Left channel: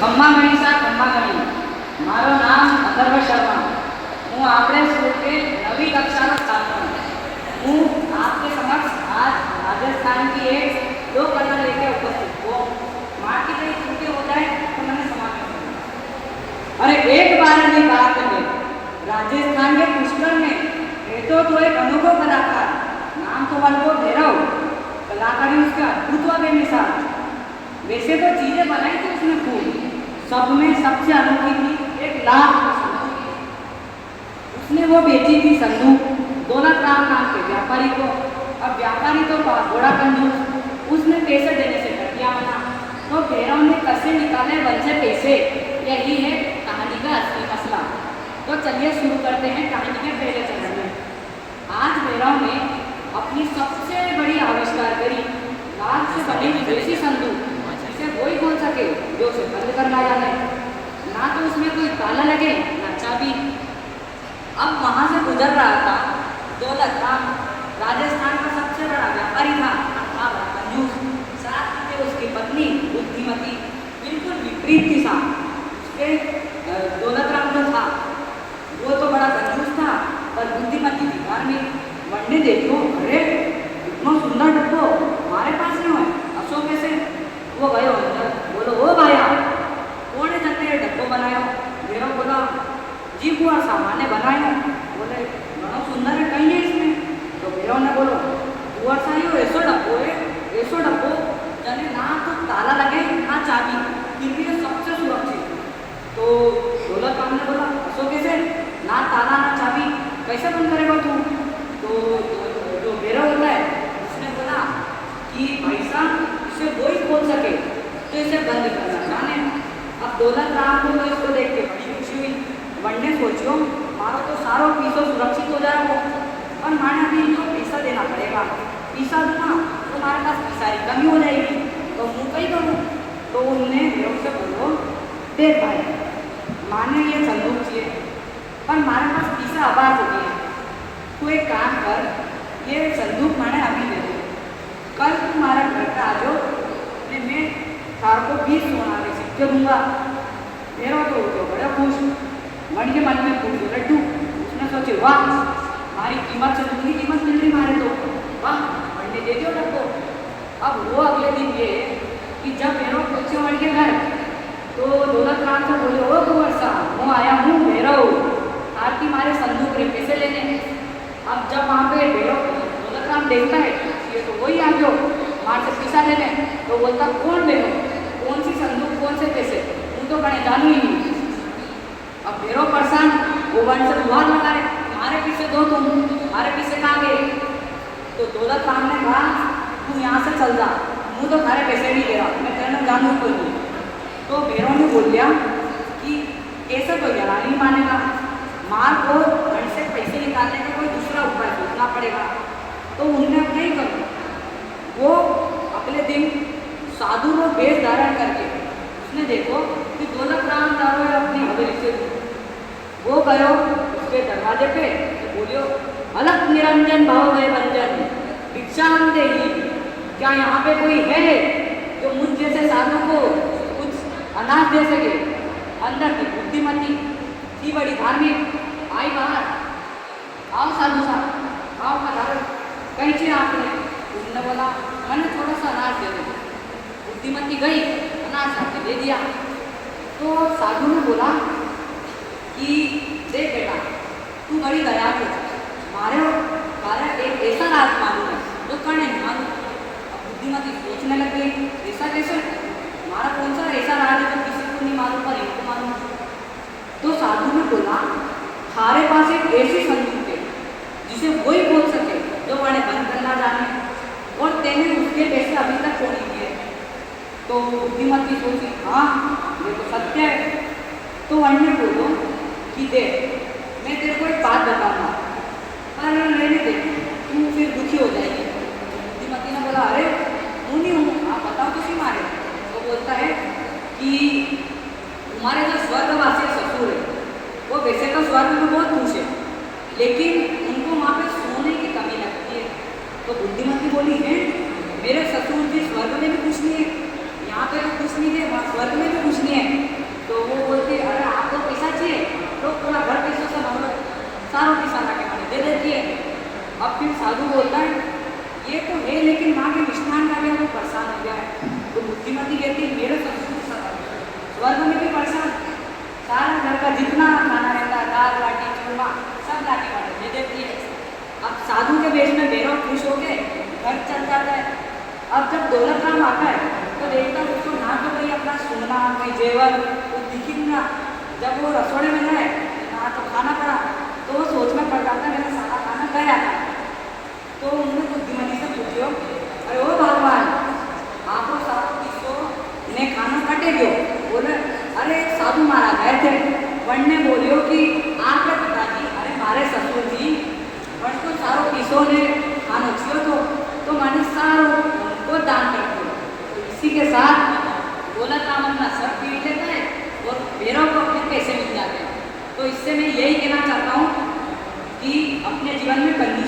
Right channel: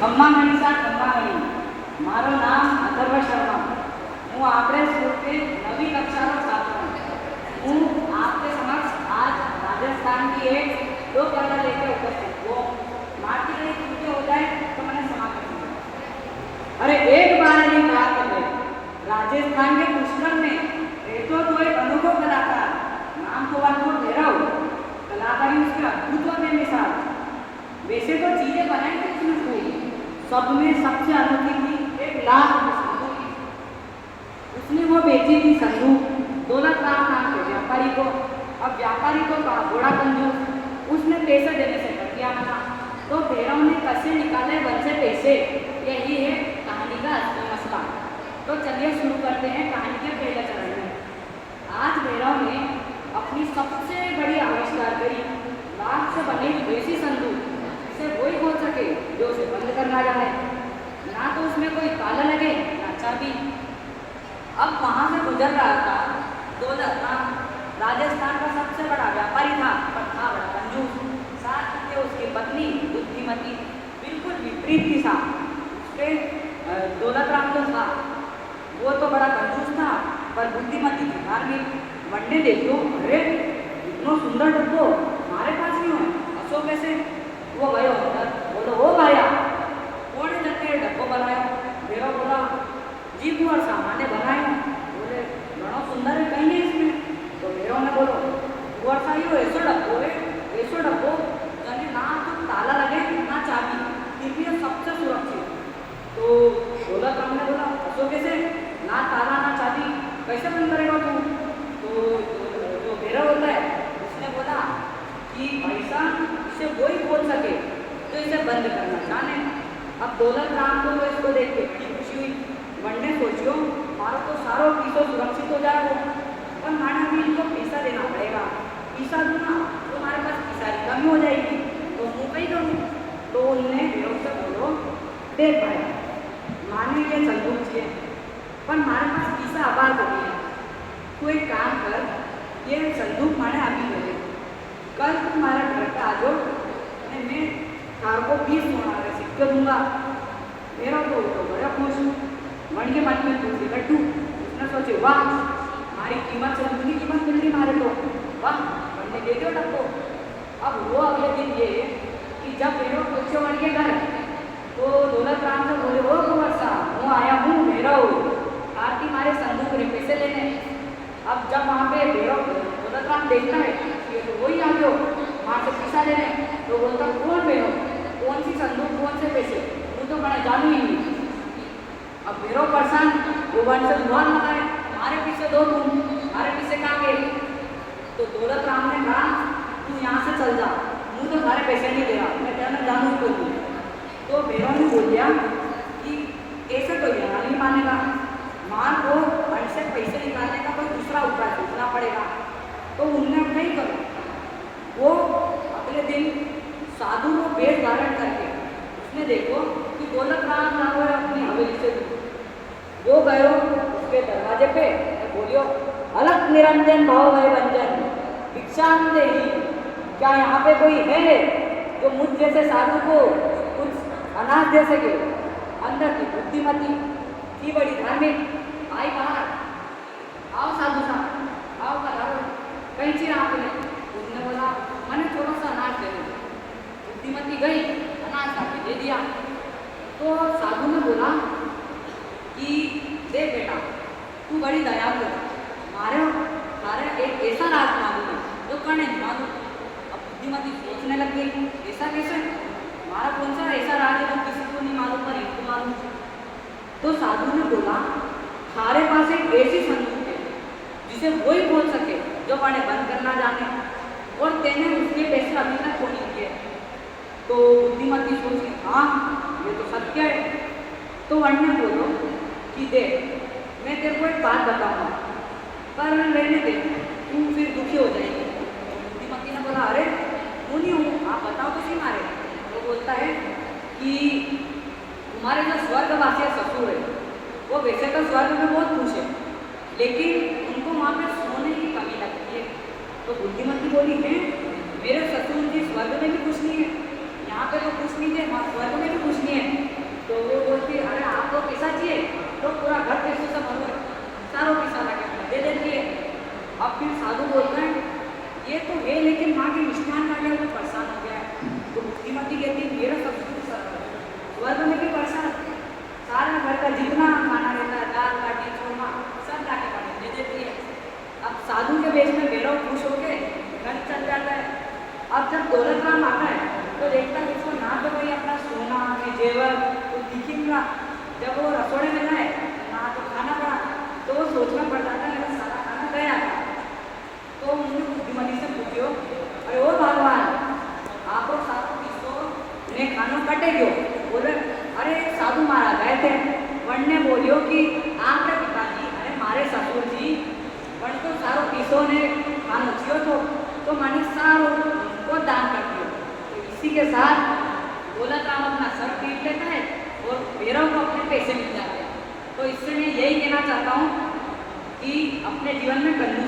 खम्मा गणिसा खम्मा गणी मारो नाम अथर्व शर्मा हूँ आपणे स्कूल के नवी कक्षा छात्र हूँ आपके समक्ष आज राजस्थान की एक लोक कथा लेके उपस्थित हो माटी कहीं छूटे हो जाए तो मैंने समाप्त कर अरे एक बार ने बात है राजस्थान के पुष्कर में रहते तो एक अनुभव कलाकार नाम तो वालों भैरव कलाकारी उसके अद्भुत व बेमिसाल वैसे तो चीजें बनाई थी उसने खूब सब में सबसे अनोखी थी एक लाख उसने वो बेची थी संदूक दोनों नाम के व्यापारी को। अब व्यापारी तो बड़ा कंजूस उसने पैसे देने से कर दिया मना तो भैरव ने कैसे निकाले वन से पैसे यही है कहानी का असली मसला। तो चलिए शुरू करते हैं कहानी के पहले चरण में। आज भैरव ने अपनी सबसे बड़ी आविष्कार करी लाख से बनी वैसी संदूक जिसे वही खोल सके जो उसे बंद करना जाने ना तो उसमें कोई ताला लगे ना चाबी। अब वहां से गुजर रहा था दौलत राम राजस्थान का सबसे बड़ा व्यापारी था पर था बड़ा कंजूस साथ में उसकी पत्नी बुद्धिमती बिल्कुल विपरीत थी साहब उसके दौलत राम जो था वो तो बड़ा कंजूस था पर बुद्धिमती थी धार्मिक वनडे देखो अरे इतना सुंदर डब्बो हमारे पास नहीं है अशोक कैसे वो गयो अंदर बोलो वो भाया कौन है जल्दी ये डब्बो बनाया भैरव बोला जी कुआर सामान्य बनाया बोले बड़ा सुंदर है कहीं है इसमें तो भैरव ने बोलो कुआर सा यो ऐसो डब्बो जाने ना तो ताला लगे ना चाबी फिर भी ये सबसे सुरक्षित। तो दौलत राम ने बोला अशोक कैसे ना ताला ना चाबी कैसे बंद करेगा तू। तो जो भैरव होता है उसने बोला कि भाई साहब इसे वही खोल सके तो इसे बंद करना जाने। अब दौलत राम को इसको देख के बड़ी खुशी हुई मन ने सोचो मारो तो सारो पीसो सुरक्षित हो जाएगा और माने अभी इनको पैसा देना पड़ेगा पैसा दूंगा तो हमारे पास पैसा की कमी हो जाएगी तो मुँह कहीं करूँ। तो उनने भैरव से बोलो देख भाई माने ये संदूक चाहिए पर हमारे पास पैसा आवाज होती है तू एक काम कर ये संदूक माने अभी दे दे कल तुम्हारा घर का आ जाओ मैं थार को 20 सोना के सिक्के दूंगा। मेरा तो बड़ा खुश मन के मन में पूछ लड्डू उसने सोचे वाह हमारी कीमत संदूक की कीमत मिल रही मारे तो वाह मंडे दे दो लड्डू। अब वो अगले दिन ये कि जब भैरव पूछे मन के घर तो दौलत राम से बोले ओ कुंवर साहब मैं आया हूँ भैरव आरती मारे संदूक रे पैसे लेने। अब जब वहाँ पे भैरव दौलत राम देखता है ये तो वही आ गयो वहाँ से पैसा लेने तो बोलता कौन भैरव कौन सी संदूक कौन से पैसे तू तो बने जानू ही नहीं। अब भैरव परेशान वो वन से दुआर लगाए हमारे पीछे दो तुम हमारे पीछे कहाँ गए। तो दौलत राम ने कहा तू यहाँ से चल जा मुँह तो सारे पैसे नहीं ले रहा मैं तेरे जानू ही कोई। तो भैरव ने बोल दिया कि ऐसा तो यहाँ नहीं मानेगा मार को मन से पैसे निकालने का कोई दूसरा उपाय सोचना पड़ेगा। तो उन्होंने अब नहीं करो वो अगले दिन साधु को वेश धारण करके उसने देखो कि दौलत राम जा रहे अपनी हवेली से वो गयो उसके दरवाजे पे तो बोलियो अलग निरंजन भाव है भंजन भिक्षा हम दे ही क्या यहाँ पे कोई है जो मुझ जैसे साधु को कुछ अनाज दे सके। अंदर की बुद्धिमती थी बड़ी धार्मिक आई बाहर आओ साधु साहब आओ पधारो कहीं चीज आपने उन्होंने बोला मैंने थोड़ा सा अनाज दे दो। बुद्धिमती गई अनाज आके दे दिया। तो साधु ने बोला कि देख बेटा तू बड़ी दयालु है हमारे कार्य एक ऐसा राज मालूम है जो करने नहीं मालूम। अब बुद्धिमती सोचने लग गई ऐसा कैसे हमारा कौन सा ऐसा राज है जो किसी को नहीं मालूम पर इनको मालूम। तो साधु ने बोला हमारे पास एक ऐसी संदूक है जिसे वही बोल सके जो मैंने बंद करना जाने और तेने उसके पैसे अभी तक खो नहीं दिए। तो बुद्धिमती सोची हाँ ये तो सत्य है। तो अन्य बोलो कि देख मैं तेरे को एक बात बताऊंगा पर रहने दे तू फिर दुखी हो जाएगी। बुद्धिमती ने बोला अरे हूँ नहीं हूँ आप बताओ तो सी मारे। तो बोलता है कि तुम्हारे जो स्वर्गवासी ससुर है वो वैसे तो स्वर्ग में बहुत खुश है लेकिन उनको वहाँ पे सोने की कमी लगती है। तो बुद्धिमती बोली है मेरे ससुर जी स्वर्ग में भी खुश नहीं है यहाँ पे भी खुश नहीं थे वहाँ स्वर्ग में भी खुश नहीं है तो वो बोलती है अरे आपको पैसा चाहिए तो पूरा घर पैसों से भरो, सारों पैसा ला के मैंने दे देती है। अब फिर साधु बोलता है ये तो है लेकिन वहाँ के मिष्ठान खा के वो परेशान हो गया है, तो बुद्धिमती कहती मेरा सब कुछ स्वर्ग में भी परेशान, सारा घर का जितना खाना रहता है दाल बाटी चूरमा सब ला के वाले दे देती है। अब साधु के वेश में भैरव खुश हो गए, घर चल जाता है। अब जब दौलत राम आता है तो देखता है उसको ना तो भाई अपना सोना कहीं जेवर कुछ दिखी ना, जब वो रसोड़े में जाए ना तो खाना पड़ा तो वो सोच में पड़ जाता है मेरा सारा खाना गया था। तो उन्होंने बुद्धिमती से पूछियो अरे ओ भगवान आप सारो किसको ने खाना कटे गयो, बोले अरे साधु मारा गए थे वनने बोलियो कि आपके पिताजी अरे मारे ससुर जी वन तो सारो किसो ने खानो छियो तो मैंने सारो को दान कर दियो। तो इसी के साथ दौलत राम अपना सर पीट लेता है और भैरव को अपने पैसे मिल जाते हैं। तो इससे मैं यही कहना चाहता हूँ कि अपने जीवन में कंजूसी